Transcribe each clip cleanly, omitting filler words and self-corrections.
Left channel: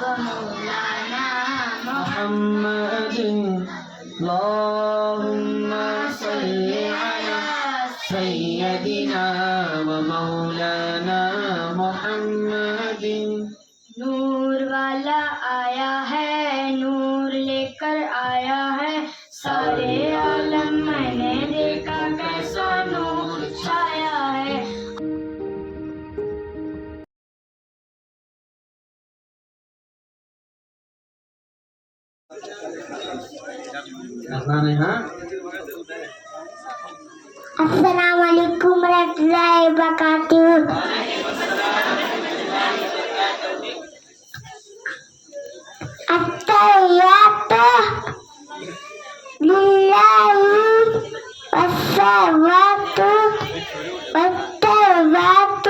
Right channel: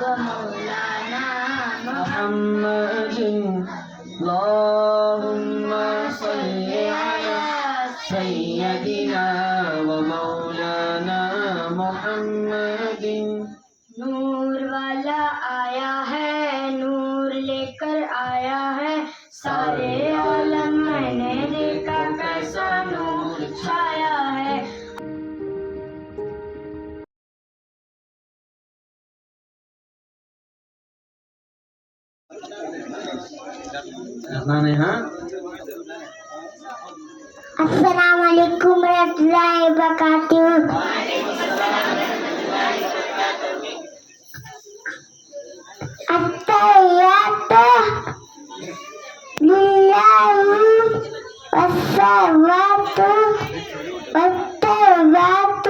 ومولانا محمد اللهم صل على سيدنا ومولانا محمد نور والا آیا ہے نور لے کر آیا ہے سارے عالم میں نے دیکھا کیسا نور چھایا ہے السلام علیکم ورحمۃ اللہ وبرکاتہ. التحیات للہ والصلوات والطیبات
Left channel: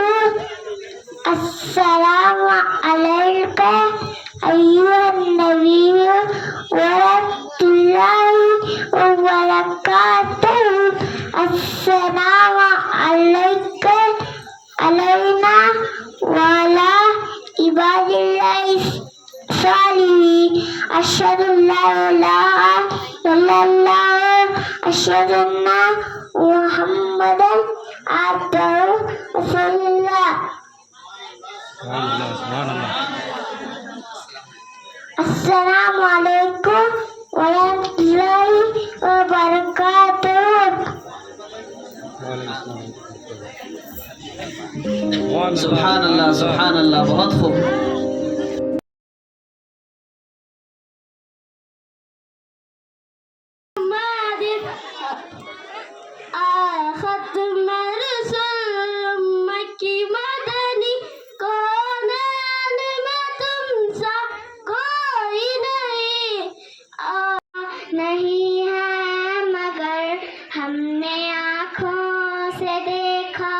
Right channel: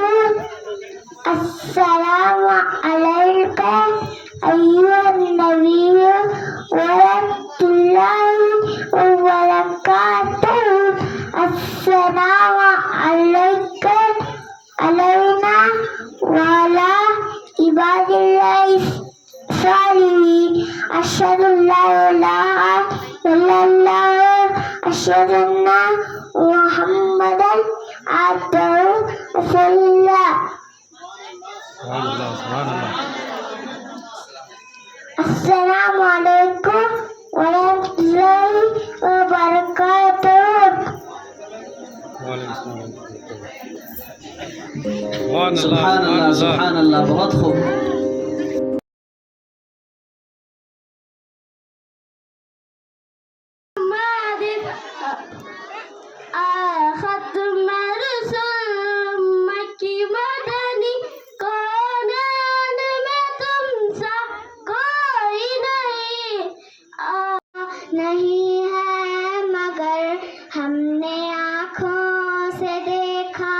السلام علیک ایھا النبی ورحمۃ اللہ وبرکاتہ. السلام علیک علینا وعلی عباد اللہ الصالحین. اشہد ان لا الہ الا اللہ اشہد ان محمدا عبدہ ورسولہ. سبحان اللہ. السلام علیکم ورحمۃ اللہ وبرکاتہ. سبحان اللہ سبحان اللہ. بہت خوب. نہیں ہے مگر ہم نے آنکھوں سے دیکھا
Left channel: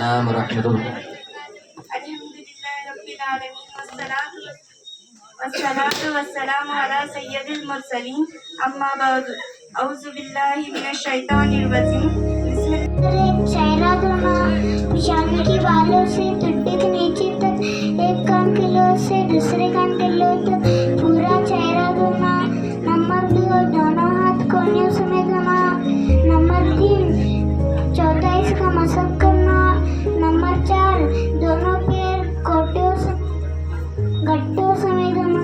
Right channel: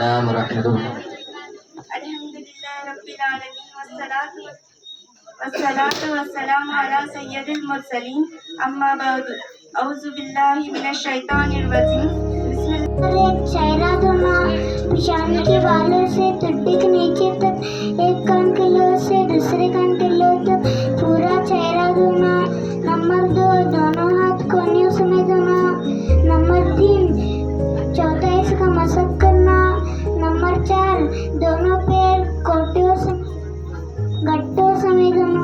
السلام ورحمۃ اللہ. الحمدللہ رب العالمین والصلاة والسلام علی سید المرسلین. اما بعد اعوذ باللہ من الشیطان الرجیم. بسم اللہ. ایک چہرہ دھونا پیشانی کے بالوں سے ٹڈی کے نیچے تک ایک کان کے لو سے دوسرے کان کے لو تک پورا چہرہ دھونا. نمبر 2 कोनियों समेत होना। नंबर 3 चौथाई का मशक करना। नंबर 4 दोनों पैर गट्टों समेत होना।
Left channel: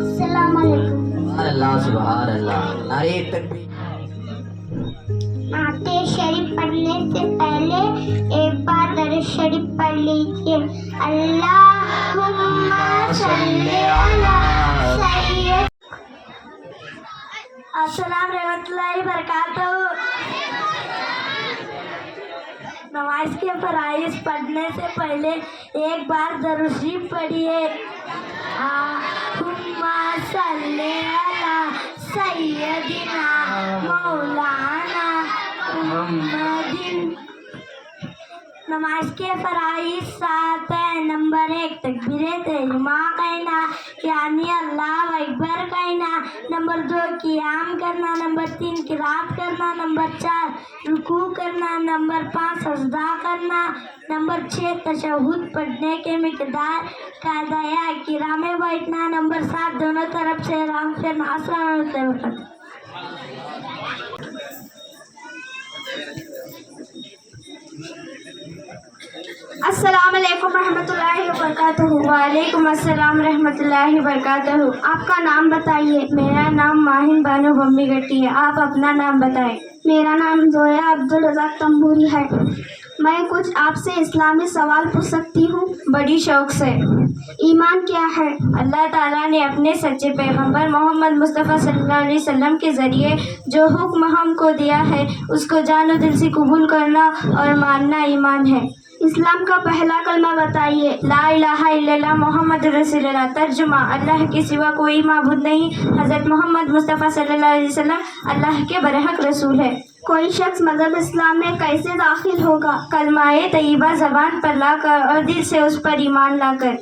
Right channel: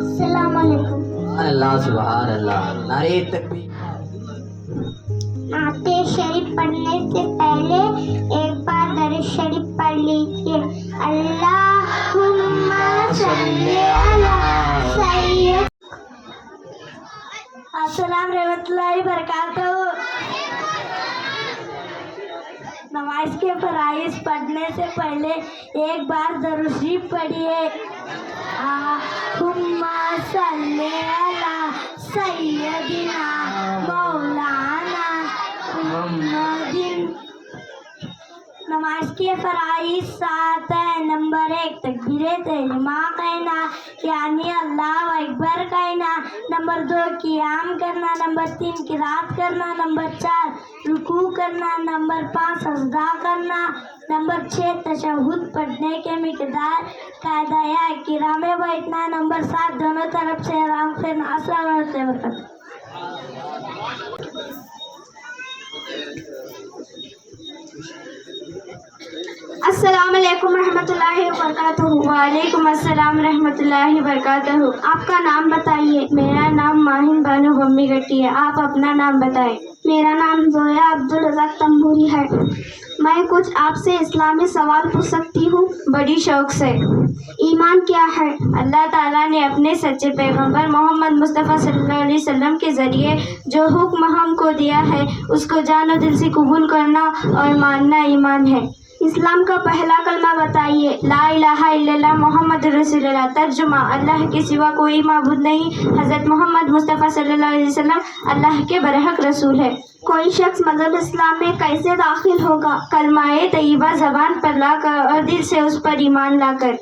अस्सलाम वालेकुम। अल्लाह सुभान अल्लाह। नारे तकबीर। आते शरीफ पढ़ने से पहले एक बार दरूद शरीफ पढ़ लीजिए। अल्लाहुम्मा सल्ली अला सय्यद। अस्सलाम रहमतुल्लाहि बरकातहू। नमाज के फराइज पढ़ने से पहले एक बार दरूद शरीफ पढ़िए। अल्लाहुम्मा सल्ली अला सय्यदिना मौलाना मुहम्मदिन। नमाज के फराइज 7 है। नंबर 1 तकबीरे तहरीमा कहना यानी अल्लाह अकबर कहना। नंबर 2 क़ियाम करना। नंबर 3 किरात करना। नंबर 4 रुकू करना। नंबर 5 सजदा करना। नंबर 6 तशहुद पढ़ने के मिकदार का दाया किरा में बैठना। नंबर 7 दोनों तरफ से आराम करना। अस्सलाम वालेकुम। अस्सलाम वालेकुम रहमतुल्लाहि व बरकातहू। वालेकुम अस्सलाम रहमतुल्लाहि व बरकातहू। आपका नाम बताइए। मेरा नाम माहिन बानो बम्मी गट्टी है। आप अपना नाम बताएं। मेरा नाम जोया अब्दुल रज़ाक तंबूरी है। मैं कुछ आपसे इस्लामी सवाल पूछ सकती हूँ? बड़ी शौक से। ईमान क्या है? अल्लाह ताला ने अपने सच्चे पैगंबर मोहम्मद मुस्तफ़ा सल्लल्लाहु अलैहि वसल्लम के ज़रिए जो हुक्म हमको दिया है उसको जानो दिल से कबूल करना और मानना ईमान है। इस्लाम का पहला कलमा बताइए। ला इलाहा इल्लल्लाह मोहम्मद रसूलुल्लाह। तर्जुमा अल्लाह के सिवा कोई माबूद नहीं। हज़रत मोहम्मद मुस्तफ़ा सल्लल्लाहु अलैहि वसल्लम अल्लाह के बरहक रसूल है। कोई शख्स मज़हब इस्लाम में कैसे दाखिल होगा? कलमाए तय्यबा ज़बान पर लाकर और दिल से उस पर ईमान लाकर।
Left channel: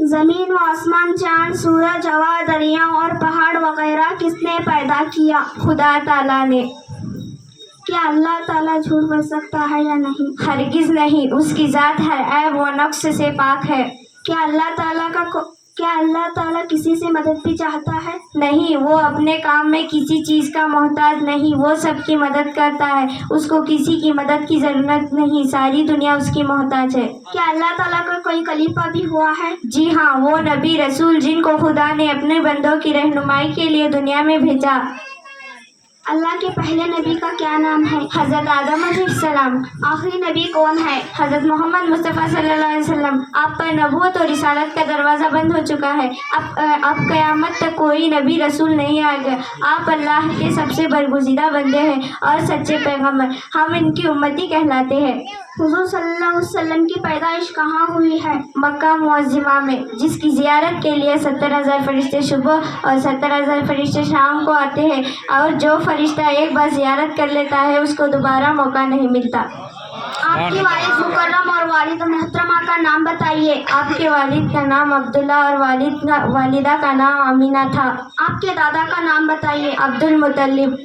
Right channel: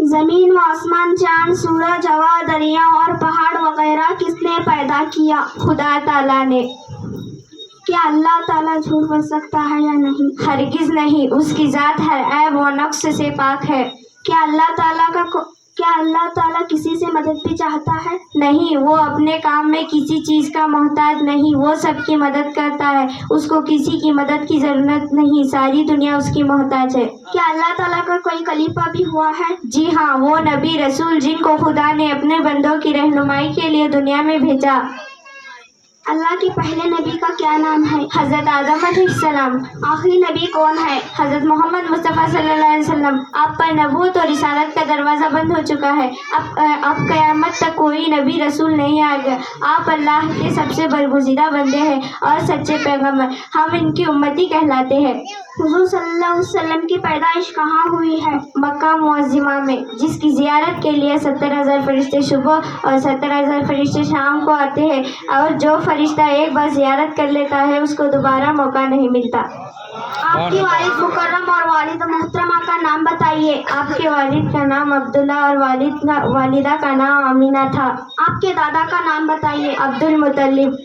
ज़मीन व आसमान, चांद, सूरज, हवा, दरिया और पहाड़ वगैरह किसने पैदा किया? खुदा ताला ने। क्या अल्लाह ताला झूठ बोल सकता है या नहीं? हरगिज नहीं। उसकी ज़ात हर ऐब व नक्स से पाक है। क्या अल्लाह ताला किसी से मदद भी चाहता है? नहीं, वो अपने काम में किसी चीज़ का मोहताज नहीं। वो सबकी मदद करता है। उसको किसी की मदद की ज़रूरत नहीं। सारी दुनिया उसकी मोहताज है। क्या अल्लाह ताला का कोई खलीफा भी हुआ है? जी हाँ, वो नबी रसूल जिनको खुदा ने अपने बंदों की रहनुमाई के लिए दुनिया में भेजा। अल्लाह के पहले नबी का क्या नाम है? हज़रत आदम अलैहिस्सलाम। आखिरी नबी कौन है? हज़रत मोहम्मद मुस्तफ़ा सल्लल्लाहु अलैहि वसल्लम। आप पर नबूवत और रिसालत का दरवाज़ा बंद हो चुका है। अब क़यामत तक कोई नबी रसूल नहीं आएगा। आप अल्लाह के सबसे बरगुज़ीदा बंदे हैं और सच्चे पैगंबर। हम इनकी उम्मती कहलाते हैं। हुज़ूर सल्लल्लाहु अलैहि वसल्लम की पैदाइश कहाँ हुई है? मक्का मुअज़्ज़मा में, जिसकी ज़ियारत के लिए 70,000 फरिश्ते सुबह और 70,000 फरिश्ते शाम को आते हैं और जो फरिश्ता एक बार ज़ियारत कर लेता है उसको दोबारा मौका नहीं मिलता। आपकी वालिद मुकर्रम और वालिद मोहतरमा का नाम बताइए। आपके वालिद का नाम अब्दुल्ला और वालिदा का नाम अमीना था। आपके दादा का नाम बताइए। अब्दुल मुत्तलिब।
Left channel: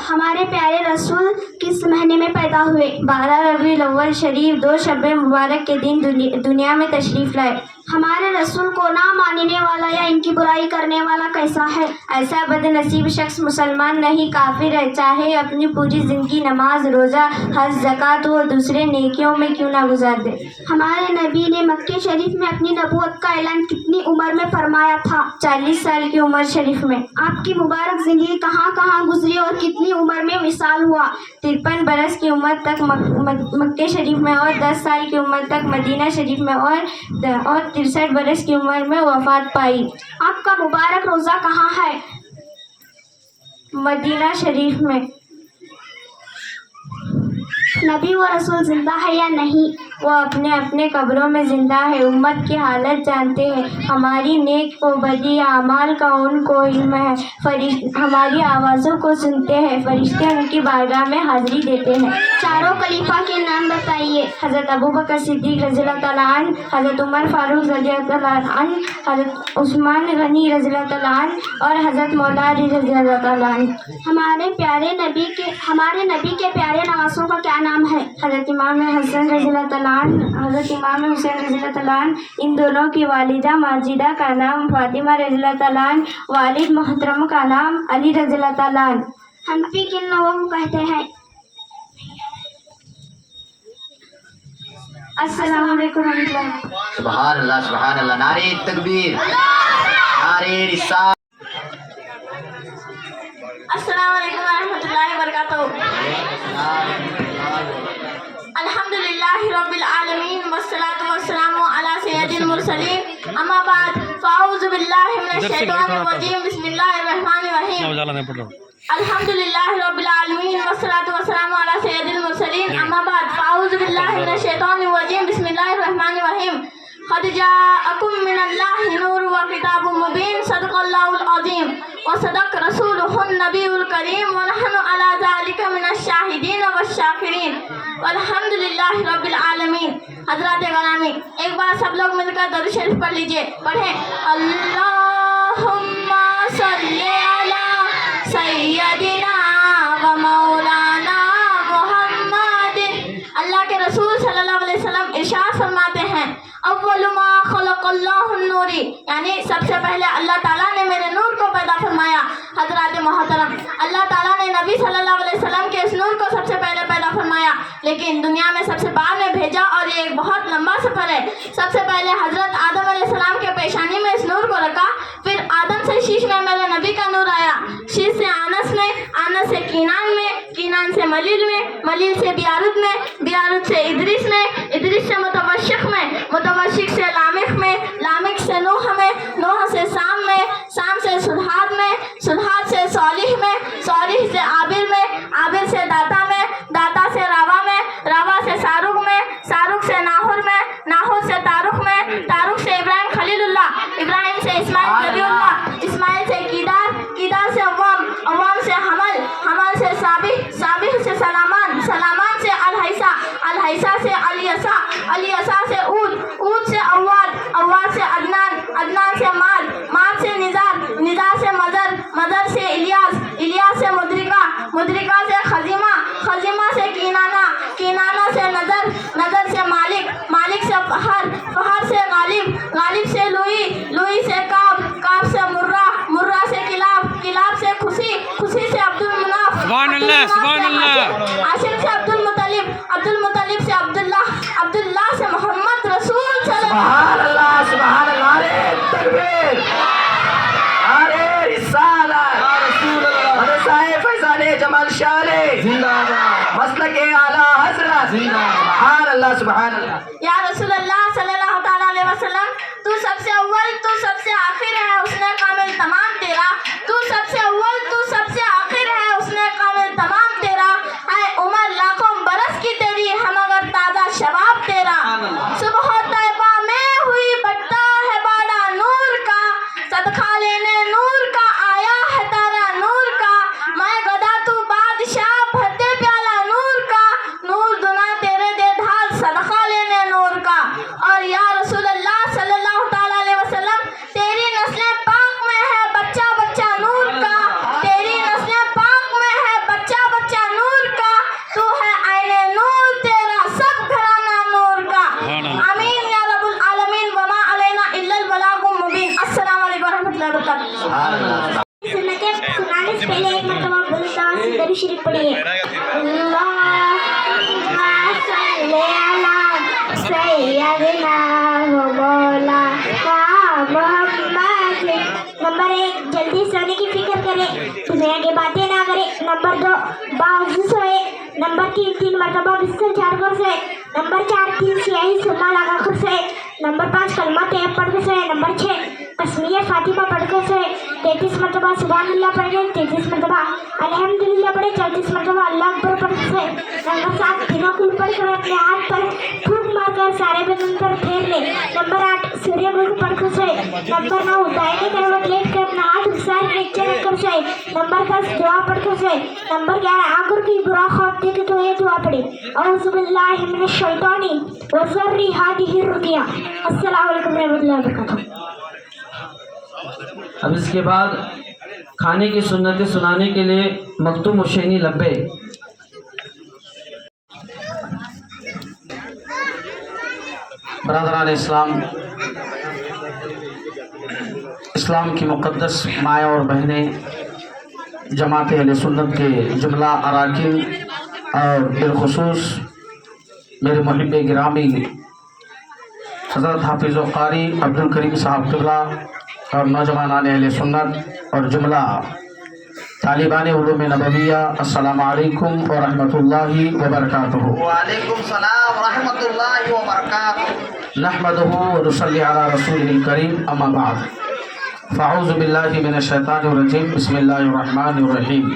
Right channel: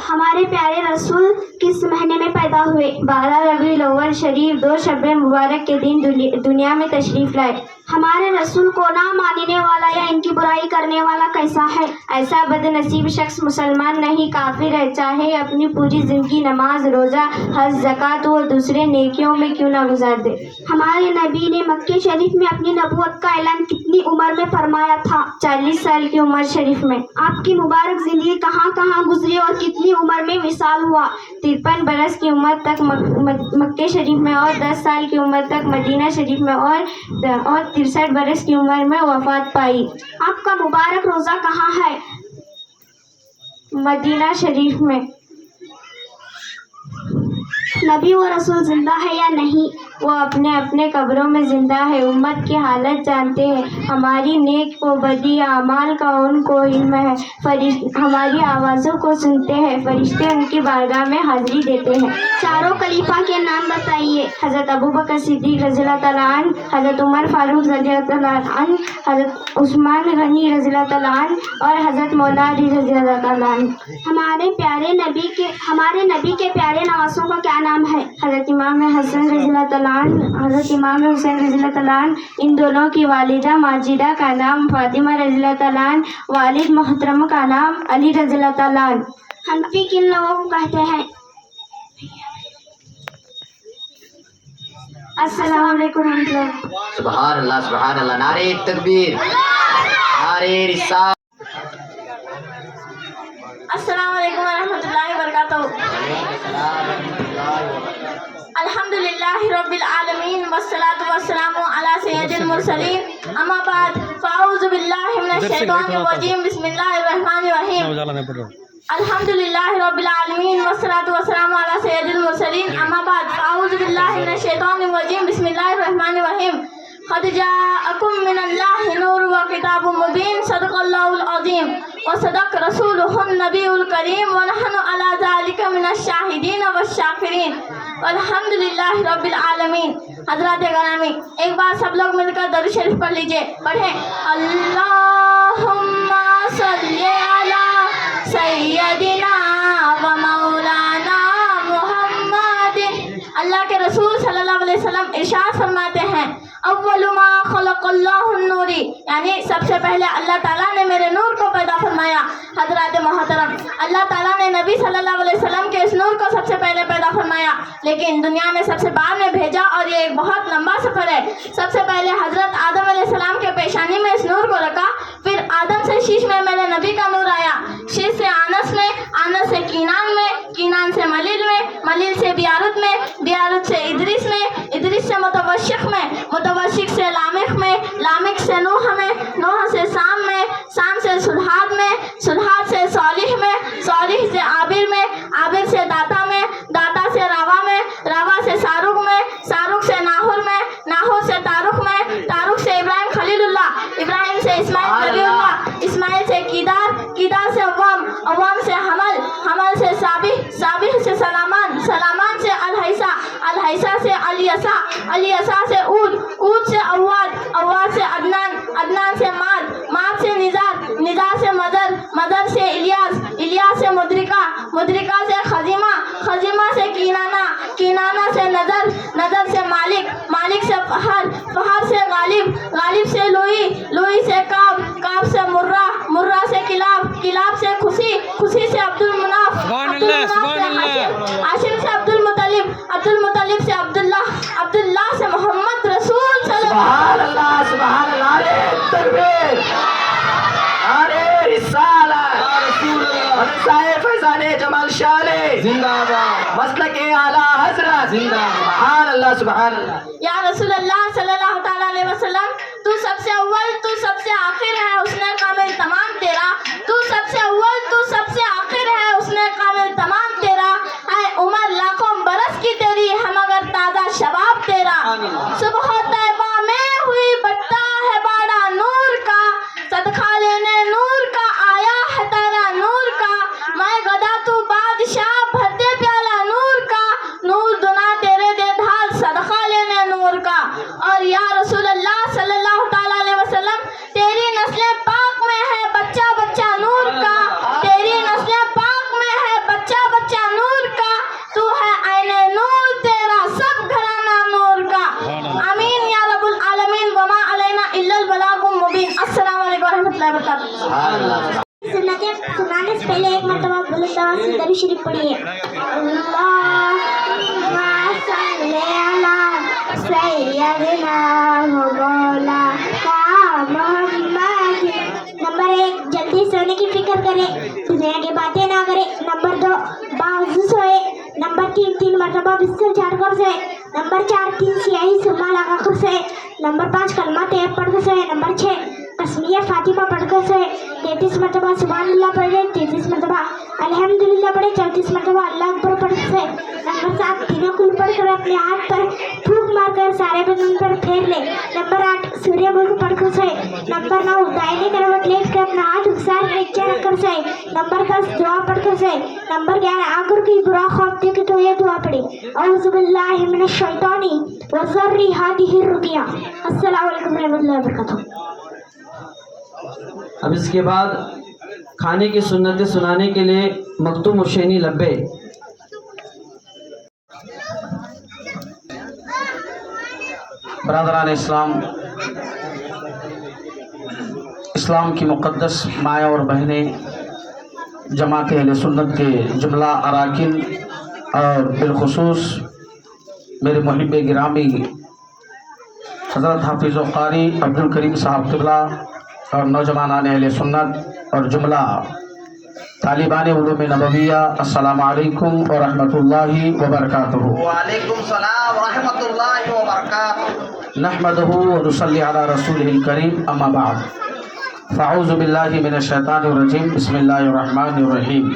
हमारे प्यारे रसूल किस महीने में पैदा हुए? 12 रबीउल अव्वल शरीफ 2 शब मुबारक के दिन दुनिया में तशरीफ लाए। हमारे रसूल को ना मानने वाला या इनकी बुराई करने वाला कैसा है? ऐसा बदनसीब शख्स मुसलमान नहीं काफिर है, चाहे अपनी पूरी जिंदगी नमाज, रोज़ा, हज, ज़कात व दूसरे नेकियों में क्यों ना गुजार दे। हमारे नबी ने मक्के शरीफ में अपनी नबूवत का ऐलान कितनी उम्र में फरमाया था? 40 साल की उम्र शरीफ में। आपकी मुबारक जिंदगी कहाँ कहाँ गुजरी और कितनी उम्र में विसाल हुआ? 53 बरस की उम्र तक मक्के शरीफ में और 10 साल की उम्र तक मदीना शरीफ में और 63 बरस की उम्र में वफात पाई। आपका मुबारक रोज़ा कहाँ है? मदीना शरीफ में। नबी व रसूल जिंदा है या नहीं? वो अपने अपने कब्रों में जिंदा है। उम्मत की हालत जानते हैं। हमारी नेक व बदी आमाल का उनको इल्म है। हमारी आवाज़ों को सुनते हैं। फरिश्ते उनकी बारगाह में हाजिरी देते हैं। चारों खलीफा के नाम बताइए। हज़रत अबू बकर सिद्दीक़ रज़ियल्लाहु तआला अन्हु, हज़रत उमर फारूक रज़ियल्लाहु तआला अन्हु, हज़रत उस्मान गनी रज़ियल्लाहु तआला अन्हु और हज़रत मौला अली रज़ियल्लाहु तआला अन्हु। हमारे नबी के प्यारे नवासों का क्या नाम है? हज़रत इमाम हसन रज़ियल्लाहु तआला حضرت امام حسین رضی اللہ تعالیٰ عنہ، ان دونوں کی والدہ ماجدہ کا نام فاطمہ رضی اللہ تعالیٰ عنہ، والد محترم کا نام علی رضی اللہ تعالیٰ عنہ۔ حنفی کن لوگوں کو کہتے ہیں؟ السلام علیکم ورحمۃ اللہ۔ سبحان اللہ، نعرہ تکبیر، نعرہ رسالت۔ السلام علیکم ورحمۃ اللہ وبرکاتہ۔ الحمد للہ رب العالمین والصلاة والسلام علی سید المرسلین، اما بعد فاعوذ باللہ من الشیطان الرجیم، بسم اللہ الرحمن الرحیم۔ الحمد للہ رب العالمین والصلاة والسلام علی سید المرسلین، اما بعد فاعوذ باللہ من الشیطان الرجیم، بسم اللہ الرحمن الرحیم۔ قد جاءکم من اللہ نور و کتاب مبین، صدق اللہ العظیم وصدق رسولہ النبی الکریم، ونحن علی ذلک من الشاہدین والشاکرین، والحمد للہ رب العالمین۔ حضرات گرامی، ایک بار سب لوگ مل کر درود شریف پڑھ لیجئے، پڑھیں اللہم صلی علی سیدنا و مولانا محمد۔ اللہ کے رسول صلی اللہ علیہ وسلم ارشاد فرماتے ہیں، اول ما خلق اللہ النوری، یعنی سب سے پہلے اللہ تعالیٰ نے میرے نور کو پیدا فرمایا۔ حضرات محترم، اللہ تعالیٰ نے نبی صلی اللہ علیہ وسلم کے اس نور کو سب سے پہلے پیدا فرمایا، لیکن دنیا میں سب سے بعد میں بھیجا، اور یہ ایک بہت لمبا سفر ہے۔ سب سے پہلے حضرت آدم علیہ السلام کے پیشانی میں اس نور کو رکھا، پھر آدم سے شیش میں میرے نبی کا نور آیا، شیش سے آنس میں، آنس سے کینان میں، کینان سے ملیل میں، ملیل سے بیارت میں، بیارت سے ادریس میں، ادریس سے متوشق میں، متوشق سے لامق میں، لامق سے نوح میں، نوح سے سام میں، سام سے سدھات میں، سدھات سے صالح میں، صالح سے عابر میں، عابر سے داتا میں، داتا سے راوا میں، راوا سے سارق میں، سارق سے ناہور میں، ناہور سے تارق میں، تارق سے ابراہیم خلیل اللہ، ابراہیم سے اسماعیل نبی اللہ، اسماعیل سے کیدار، کیدار سے عوام، عوام سے حمل، حمل سے صابح، صابح سے سلامان، سلامان سے الحیسہ، الحیسہ سے الیسا، الیسا سے اود، اود سے اواد، اواد سے عدنان، عدنان سے ماد، ماد سے نزار، نزار سے مدر، مدر سے الیاس، الیاس سے مدرکہ، مدرکہ سے خزیمہ، خزیمہ سے کینانہ، کینانہ سے نظر، نظر سے مالک، مالک سے فہر، فہر سے غالب، غالب سے لوئی، لوئی سے کعب، کعب سے مرہ، مرہ سے کلاب، کلاب سے خوشی، خوشی سے عبد المناف، سبحان اللہ، سبحان اللہ، ہاشم سے عبد المطلب، عبد المطلب سے عبداللہ، عبداللہ سے محمد رسول صلی سبحان اللہ، سبحان اللہ، نعرہ تکبیر، نعرہ رسالت، حضرت صاحب فیضان جمال شاہ زندہ باد، مسلک اعلیٰ حضرت زندہ باد، سبحان اللہ، سبحان اللہ۔ یا رسول اللہ صلی اللہ تعالیٰ علیہ وسلم، تو سب سے اول، تو سب سے آخر ہے، اس نے کامل تمام تیرا، تو سب سے اول، تو سب سے آخر ہے، اس نے کامل تمام تیرا، ہے عمر لاکھوں برس کی تیری ہے مگر تازہ شباب تیرا، صبح طیبہ میں ہوئی بٹتا ہے باڑا نور کا، صدقہ لینے نور کا آیا ہے تارا نور کا، میں گدا تو بادشاہ بھرتے پیالہ نور کا، نور دنا تیرے دے ڈھال صدقہ لینے نور کا۔ اور یا رسول اللہ صلی اللہ تعالیٰ علیہ وسلم، تیری نسل پاک میں ہے بچہ بچہ نور کا، تیری نسل پاک میں ہے بچہ بچہ نور کا، تو ہے عین نور تیرا سب گھرانہ نور کا۔ آمین یا رب العالمین، وما علینا الا البلاغ المبین۔ السلام علیکم ورحمۃ اللہ وبرکاتہ۔ سبحان اللہ۔ سنتیں سنانے سے پہلے ایک مرتبہ بلند آواز سے درود شریف پڑھیے۔ اللہم صلی علی سیدنا و مولانا محمد۔ نمبر 1، جلدی سونے کی فکر کریں، دنیا کی باتیں نہ کریں۔ نمبر 2، باوضو سوئے۔ نمبر 3، 3 مرتبہ بستر جھاڑ کر سوئے۔ نمبر 4، 3 سیاہی سرما لگا کر سوئے۔ نمبر 5، کلمہ طیب پڑھ کر سوئے۔ نمبر 6، تسمیہ فاطمہ پڑھ کر سوئے۔ 33 مرتبہ سبحان اللہ پڑھ گئے، 33 مرتبہ الحمدللہ پڑھے، 34 مرتبہ اللہ اکبر پڑھ سوئے۔ نمبر 7، تینوں کل پڑھ کر اپنے ہاتھ پر پھونک مار کر سارے بدن پر پھیر لے۔ نمبر 8، سوریہ ملک پڑھ کر سوئے۔ نمبر 9، دائیں کروٹ لیٹ کر اپنا ہاتھ اکسار نیچے رکھ کر سوئے۔ نمبر 10، دعا پڑھ کر سوئے۔ نمبر 11، اگر کوئی برا خواب دیکھے تو یہ دعا پڑھے، اعوذ باللہ من الشیطان وذری ہادہ الرقیہ۔ السلام علیکم ورحمۃ اللہ وبرکاتہ۔ اب اس کے بعد کھانے کی سنتیں سنانے کے لیے مکتوم حسینی لبے۔ برادران اسلام، اسلام کی مقدس مائیں اور بہنیں، جماعت اہل سنت کے جملہ اراکین اور بالخصوص میرے محب گرامی حضرت حافظ و قاری عبدالکریم صاحب قبلہ اور نوجوانان اہل سنت اور جملہ طالبان علوم نبویہ، السلام علیکم ورحمۃ اللہ وبرکاتہ۔ وعلیکم السلام ورحمۃ اللہ وبرکاتہ۔ نحمدہ ونصلی علی رسولہ الکریم، اما بعد، فاعوذ باللہ من الشیطان الرجیم، بسم اللہ الرحمن الرحیم۔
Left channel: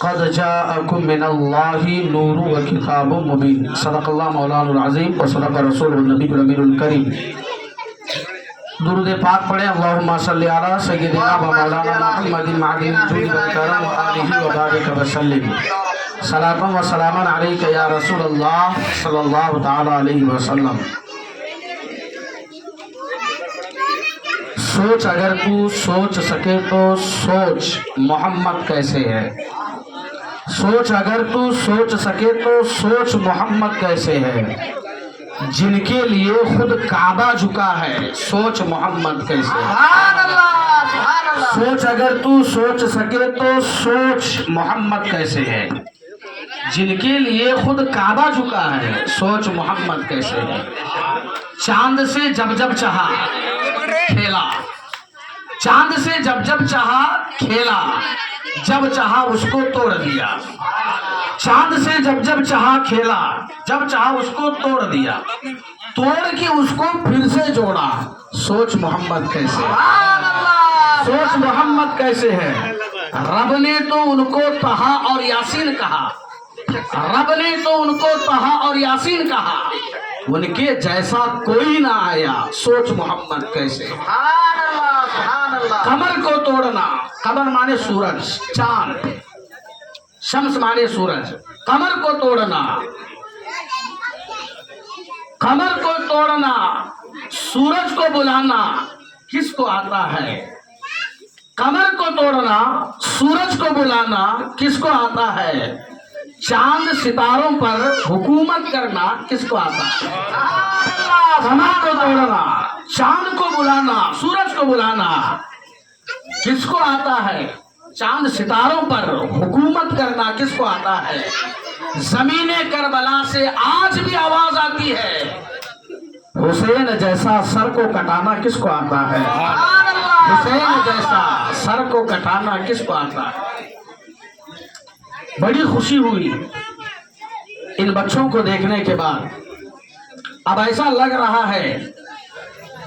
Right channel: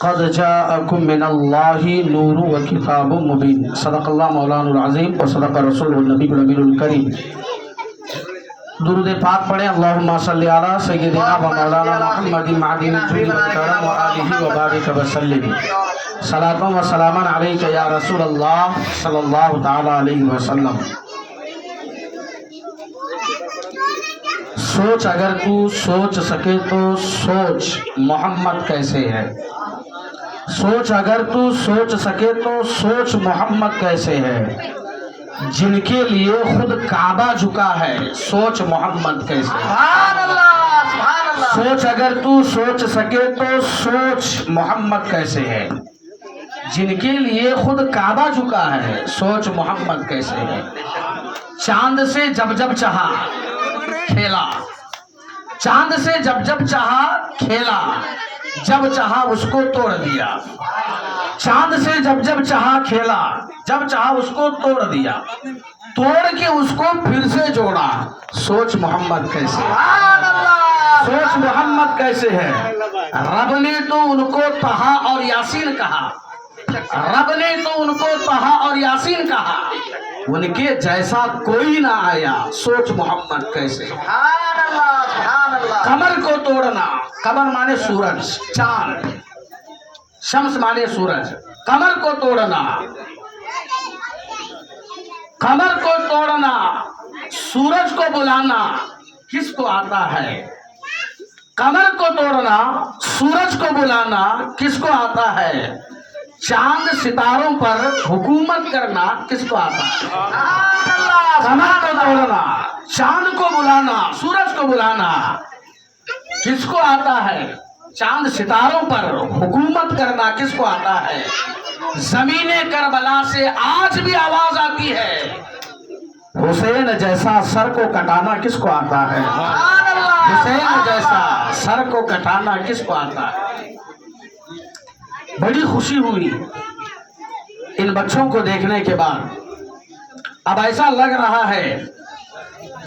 قد جاءکم من اللہ نور و کتاب مبین، صدق اللہ مولانا العظیم و صدق رسول النبی الامین الکریم۔ درود پاک پڑھیں، اللہم صلی علی سیدنا و مولانا محمد معدن الجود والکرم و آلہ و بارک وسلم، صلاۃ و سلاما علیک یا رسول اللہ صلی اللہ تعالی علیہ وسلم۔ سوچ، اگر تو سوچ سکے تو سوچ محمد کیسے ہے۔ سوچ، اگر تو سوچ سکے تو سوچ محمد کیسے ہے، جن کے لیے خود کعبہ جھکا ہے، سوچ محمد کیسے ہے۔ سبحان اللہ، سبحان اللہ۔ سوچ، اگر تو سوچ سکے تو سوچ محمد کیسے ہے، جن کے لیے خود کعبہ جھکا ہے، سوچ محمد کیسے ہے۔ چاند سے جب جب چاہا کھیلا، چاند سے جب جب چاہا کھیلا، جب چاہا اس کو توڑ دیا۔ چاند سے جب جب چاہا کھیلا، جب چاہا اس کو توڑ دیا، توڑ کے اس کو پھر سے جوڑا، سوچ محمد کیسے ہے۔ سبحان اللہ۔ سوچ محمد کیسے ہے۔ رب نے تو ان کو طہا اور یاسین کہا، رب نے تو ان کو طہا اور یاسین کہا، ان کے جیسا کوئی نہ آیا، سوچ محمد کیسے ہے۔ سبحان اللہ، سبحان اللہ۔ قمر کو توڑنا، قمر مانے سورج، چاند، شمس مانے سورج، قمر کو توڑنا، قمر کو توڑنا، سورج کو بلانا کس کو آتا ہے۔ قمر کو توڑنا، سورج کو بلانا کس کو آتا ہے، چاند ستاروں پر حکومت کرنا کس کو آتا ہے۔ قمر کو توڑنا، چاند کو بلانا، سورج کو بلانا کس کو آتا ہے، چاند ستاروں پر حکومت کرنا کس کو آتا ہے۔ زمین کربلا سے آج بھی آواز آتی ہے، حسین جیسا سر کو کٹانا کس کو آتا ہے۔ حسین جیسا سر کو کٹانا کس کو آتا ہے۔ بڑی خوشی ہوئی ان بچوں کو دیکھنے کے بعد۔ اب ایسا لگ رہا ہے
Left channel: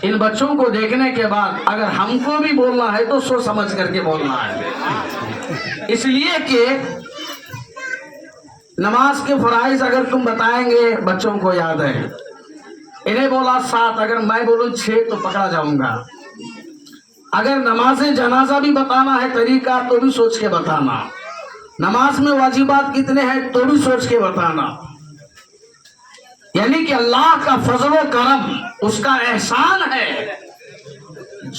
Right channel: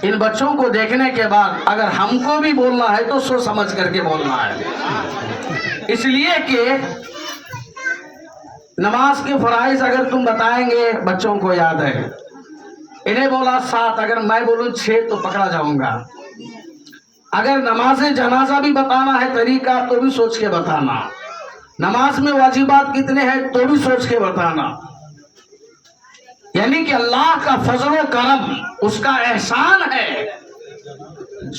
ان بچوں کو دیکھنے کے بعد اگر ہم کو بھی بولنا ہے تو سوچ سمجھ کر کے بولنا ہے، اس لیے کہ نماز کے فرائض اگر تم بتائیں گے بچوں کو یاد ہے، انہیں بولا 7، اگر میں بولوں 6 تو پکڑا جاؤں گا۔ اگر نماز جنازہ بھی بتانا ہے طریقہ تو بھی سوچ کے بتانا، نماز میں واجبات کتنے ہیں تو بھی سوچ کے بتانا۔ یعنی کہ اللہ کا فضل و کرم، اس کا احسان ہے،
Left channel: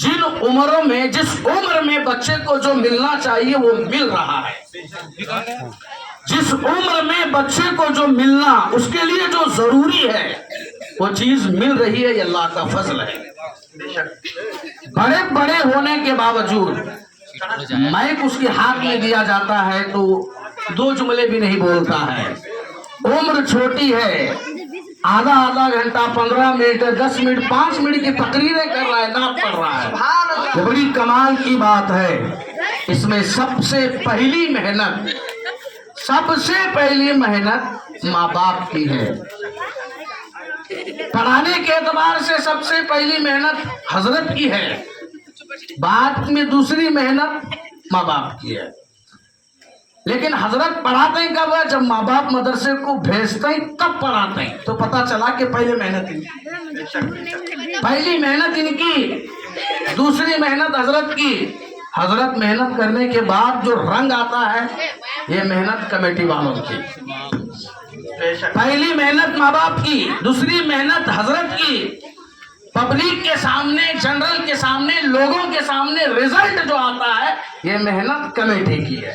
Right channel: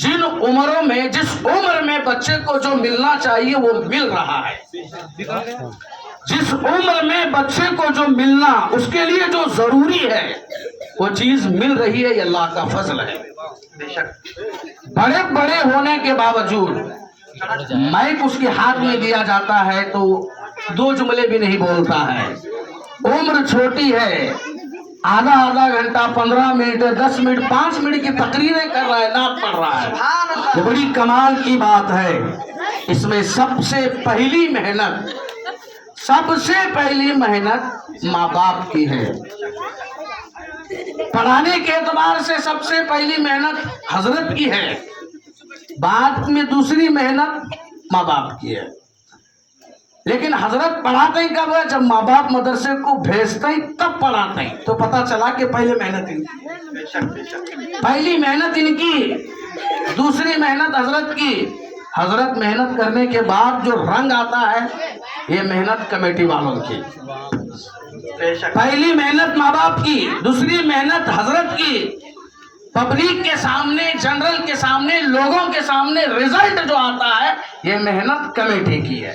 جن عمروں میں، جس عمر میں بچے کو جو ملنا چاہیے وہ مل رہا ہے، جس عمر میں بچے کو جو ملنا، اس کے لیے جو ضروری ہے وہ چیز مل رہی ہے، یہ اللہ کا فضل ہے۔ بڑے بڑے ہونے کے باوجود مائک اس کے ہاتھ میں دیا جاتا ہے تو 2 جملے بھی نہیں بولتا ہے، عمر چھوٹی ہے، آدھا گھنٹہ، 15 منٹ، 10 منٹ، 5 منٹ کی تقریریں کر رہا ہے، نعت پڑھ رہا ہے۔ یہ بڑی کمال کی بات ہے۔ اس میں سب سے پہلی محنت ماں باپ کی ہے۔ پڑھانے کے اعتبار سے سب سے پہلی محنت حضرت کی ہے، بعد میں دوسری محنت ماں باپ کی ہے۔ لیکن حضرت پڑھاتے ہی کب ہے، جب ماں باپ مدرسے کو بھیجتے ہی تب پڑھاتے ہیں، تو پتہ چلا کہ پہلی محنت ان کی، دوسری محنت حضرت کی۔ حضرت محنت کرنے کے بعد جو رنگ آتا ہے یہ محنت کمیٹی والوں کی۔ پہلی محنت ماں باپ کی، دوسری محنت حضرت کی، پبلک کے سامنے، جنرل کے سامنے، لوگوں کے سامنے رزلٹ جو آتا ہے یہ محنت کمیٹی کی ہے۔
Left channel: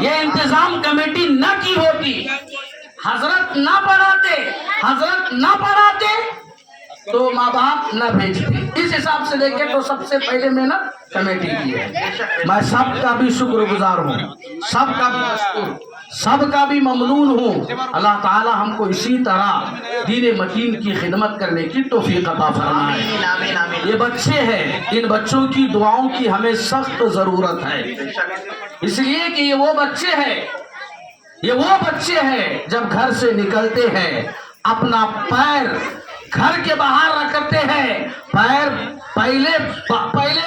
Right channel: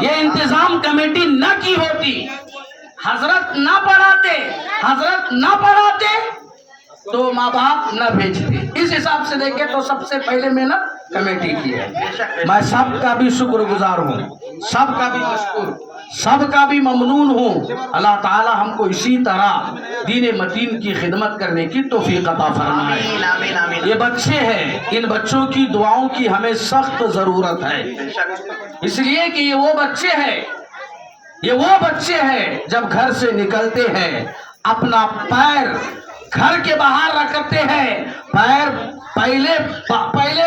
یہ انتظام کمیٹی نہ کی ہوتی हजरत ना पढ़ाते तो माँ बाप न भेजते। इस हिसाब से देखें तो सबसे पहले मेहनत कमेटी की है। मैं सबका भी शुक्रगुजार हूँ, सबका भी मशकूर, सबका भी ममनून हूँ। अल्लाह ताला हमको इसी तरह दीन मतीन की खिदमत करने की तौफीक अता फरमाए। आमीन आमीन आमीन। ये बच्चे हैं, इन बच्चों की दुआओं की हमें सख्त जरूरत है, इसलिए कि ये वो बच्चे हैं जब घर से निकलते हैं अपना पैर घर के बाहर रखते हैं, पैर पहले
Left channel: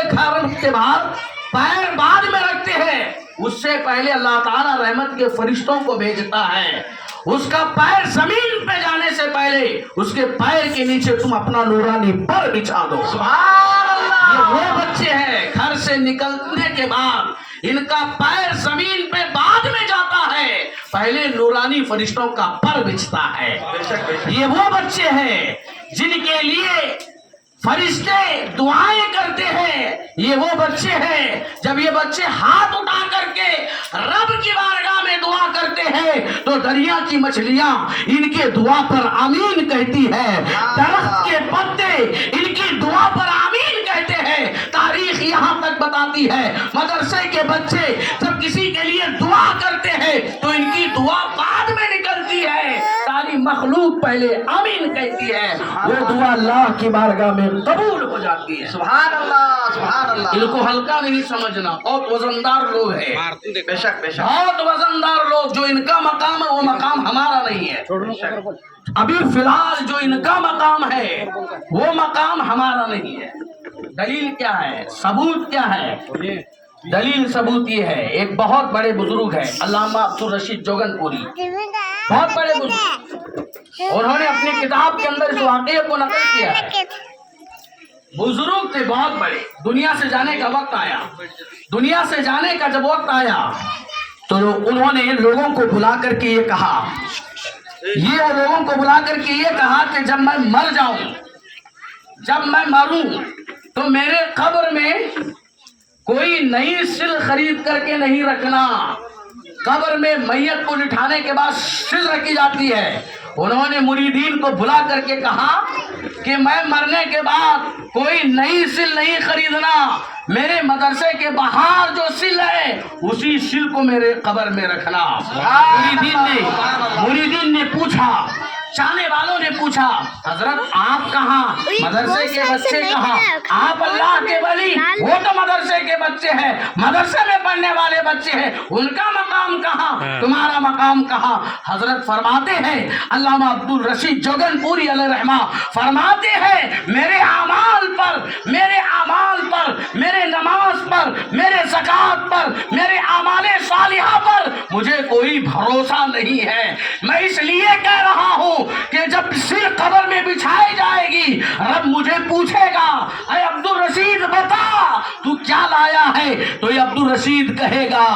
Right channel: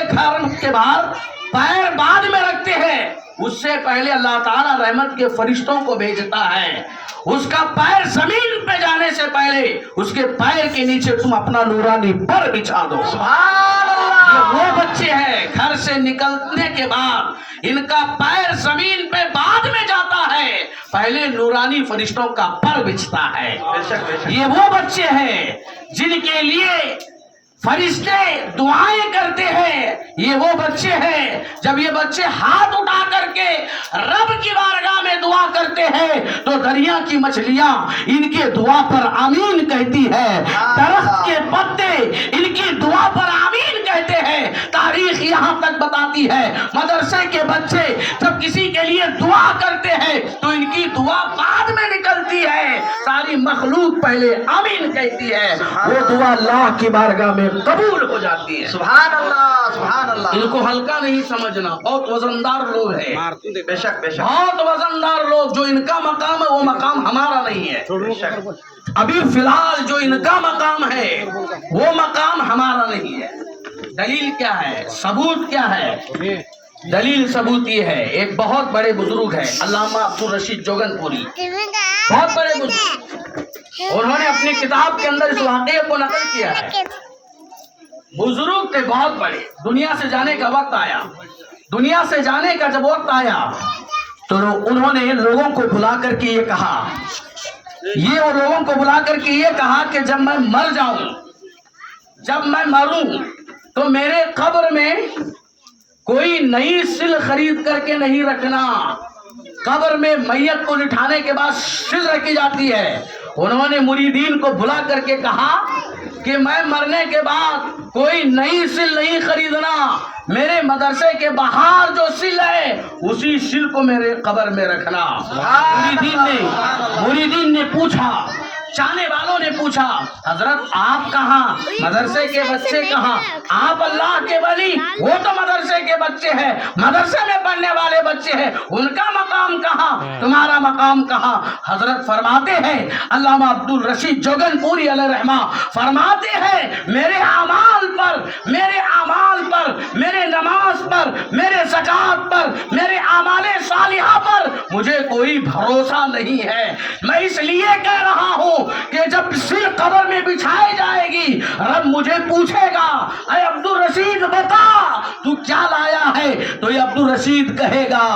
घर के बाहर, पैर बाद में रखते हैं। उससे पहले अल्लाह ताला रहमत के फरिश्तों को भेजता है। उसका पैर जमीन पे जाने से पहले उसके पैर के नीचे तुम अपना नूरानी पर बिछा दो। ये वो बच्चे हैं घर से निकलने के बाद इनका पैर जमीन पे बाद में जाता है, पहले नूरानी फरिश्तों का पर बिछता है। ये वो बच्चे हैं जिनके लिए फरिश्ते दुआएं करते हैं। ये वो बच्चे हैं जब ये बच्चे हाथ उठा करके रब की बारगाह में दुआ करते हैं तो दरिया की मछलियां इनके दुआ पर आमीन कहती है, दरख्त के पत्ते इनकी दुआ पर आमीन कहते हैं। तारीख यहाँ तक बताती है मदरसे के बच्चे जब किसी के लिए दुआ करते हैं तो इनकी दुआ बाद में निकलती है, सारी मखलूक पहले आमीन कहती है, वो दुआ अल्लाह की बारगाह में कबूल हो जाती है। सुभान अल्लाह सुभान अल्लाह। इनको हल्का नहीं समझना, बहुत वजनदार लोग हैं, बेशक बेशक बहुत वजनदार लोग। जो इनका मकाम है वो मकाम हमारा नहीं है। अभी फिलहाल जो इनका मकाम है वो मकाम हमारा नहीं है। दलील क्या है, सबूत क्या है? दलील सबूत ये है, एक बहुत बड़े बुजुर्ग है अल्लामा अब्दुल रशीद जोगनपुरी, बहुत बड़े बुजुर्ग, उन्होंने अपनी किताब के अंदर इस वाक़े को नकल किया है। बुजुर्ग थे बहुत बड़े, दुनिया से जाने का वक्त आया, दुनिया से जाने का जब वक्त आया तो उन्होंने लोगों को बुला करके ये कहा, लोगों को बुला करके ये कहा कि जब मैं मर जाऊं, जब मैं मरूं तो मेरे कब्र में कोई नई सिल खरीद करके नहीं रखना। कब्र में मैयत को लिटाने के बाद सिल रखी जाती है। उन्होंने मुरीदीन को बुला करके कहा कि मैं मरने के बाद कोई नई सिल नहीं खरीदना, मेरे मदरसे के बाहर जो सिल है उसी सिल को मेरे कब्र में रखना। मुरीदीन ने पूछा, चाहने वालों ने पूछा, हजरत आप कहाँ, मदरसे के बच्चे कहाँ? आप अल्लाह के वली, वो तो मदरसे के बच्चे हैं, मदरसे में पढ़ने वाले बच्चे हैं, उनका मकाम कहाँ, तुम्हारा मकाम कहाँ? हजरत फरमाते हैं, अल्लामा अब्दुल रशीद जोगनपुरी अलैहि रहमा फरमाते हैं, मेरे अमाल पर, मेरे नमाज पर, मेरे ज़कात पर, मेरे आमाले सालिहा पर मुझे कोई भरोसा नहीं है। मैं इसलिए कह रहा हूँ कि जब सिर कब्र में बिछाई जाएगी रब मुझे पूछेगा, अरे अब्दुल रशीद बता तू क्या लाया है? तो ये अब्दुल रशीद कहेगा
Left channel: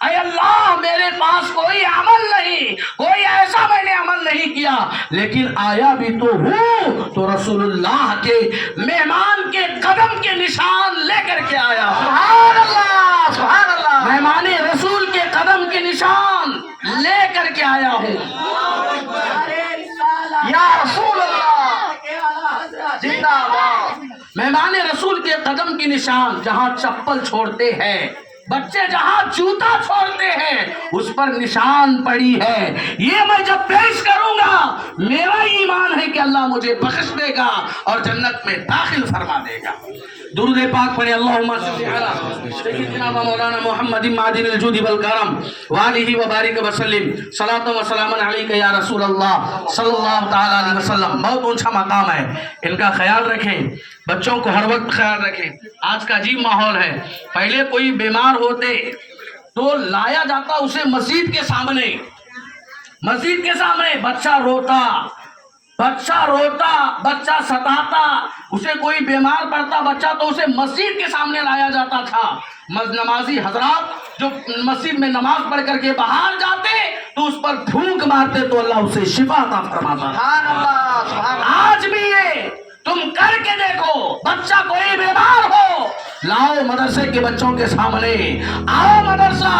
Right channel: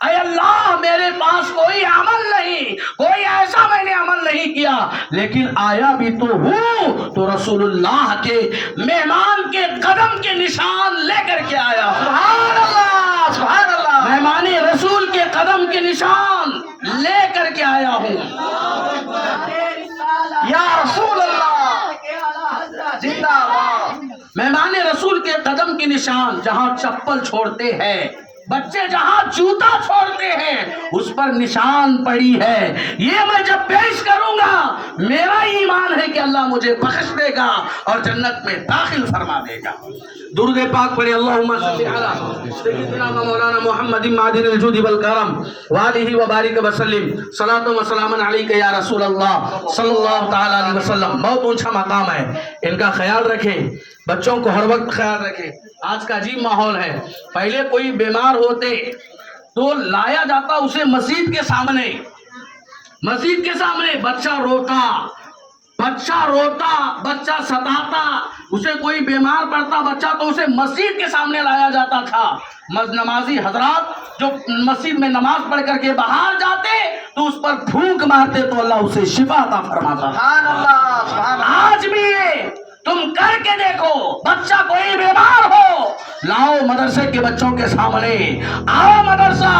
अरे अल्लाह मेरे पास कोई अमल नहीं, कोई ऐसा मैंने अमल नहीं किया, लेकिन आया भी तो हूँ तो रसूलुल्लाह के मेहमान के कदम के निशान लेकर के आया। सुभान अल्लाह सुभान अल्लाह। मेहमान रसूल के कदम के निशान लेकर के आया हूँ। या रसूल अल्लाह जिंदाबाद। मेहमान रसूल के कदम के निशान, जहाँ चप्पल छोड़ते हैं बच्चे, जहाँ जूता छोड़ते हैं उस पर निशान पड़ी है। ये मैं जब पेश करूंगा मेरा ईमान है कि अल्लाह मुझे बख्श देगा और जन्नत में दाखिल फरमा देगा। दुरूद पाक पढ़े, अल्लाहुम्मा सल्ली अला सय्यिदिना व मौलाना मुहम्मदिन मादिनिल जुदी वल करम व आलिहि व बारिक व सल्लिम सलातु व सलामन अलैका या रसूल अल्लाह सल्लल्लाहु तआला अलैहि वसल्लम। बहुत ऊंचा मकाम है, इनका ख्याल रखें, बच्चों को हर वक्त ख्याल रखें। आज का अजीब माहौल है, पहले कोई बीमार होते तो लाया जाता उसे मस्जिद के सामने, बच्चा रोता, बच्चा सताता, उसे कोई बीमार पड़ता बच्चा तो उसे मस्जिद के सामने लाया जाता था। नमाजी हजरात जो मस्जिद में नमाज पढ़ करके बाहर जाते तो उस पर फूंक मारते तो अल्लाह उसे शिफा अता फरमाता। सुभान अल्लाह सुभान अल्लाह। आज भी ये तुम करके देखो, बच्चा कोई बीमार हो लाओ मदरसे के बच्चों के सामने, आओ मदरसा,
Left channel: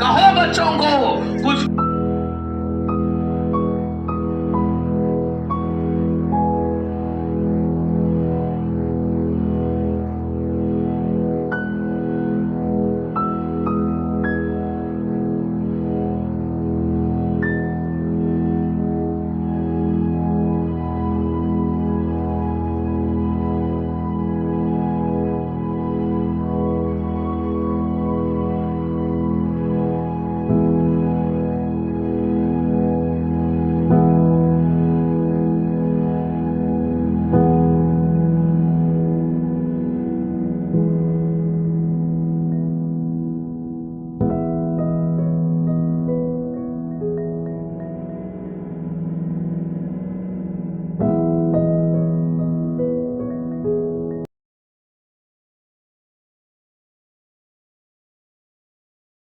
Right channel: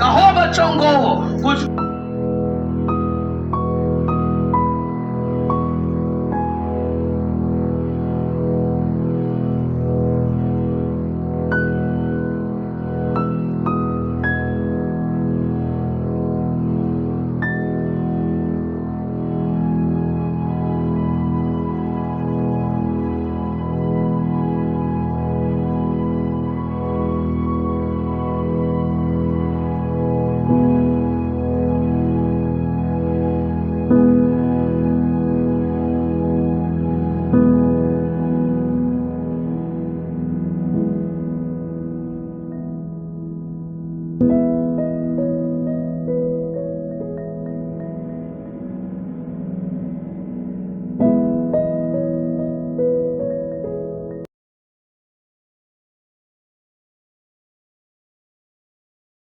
कहो बच्चों को कुछ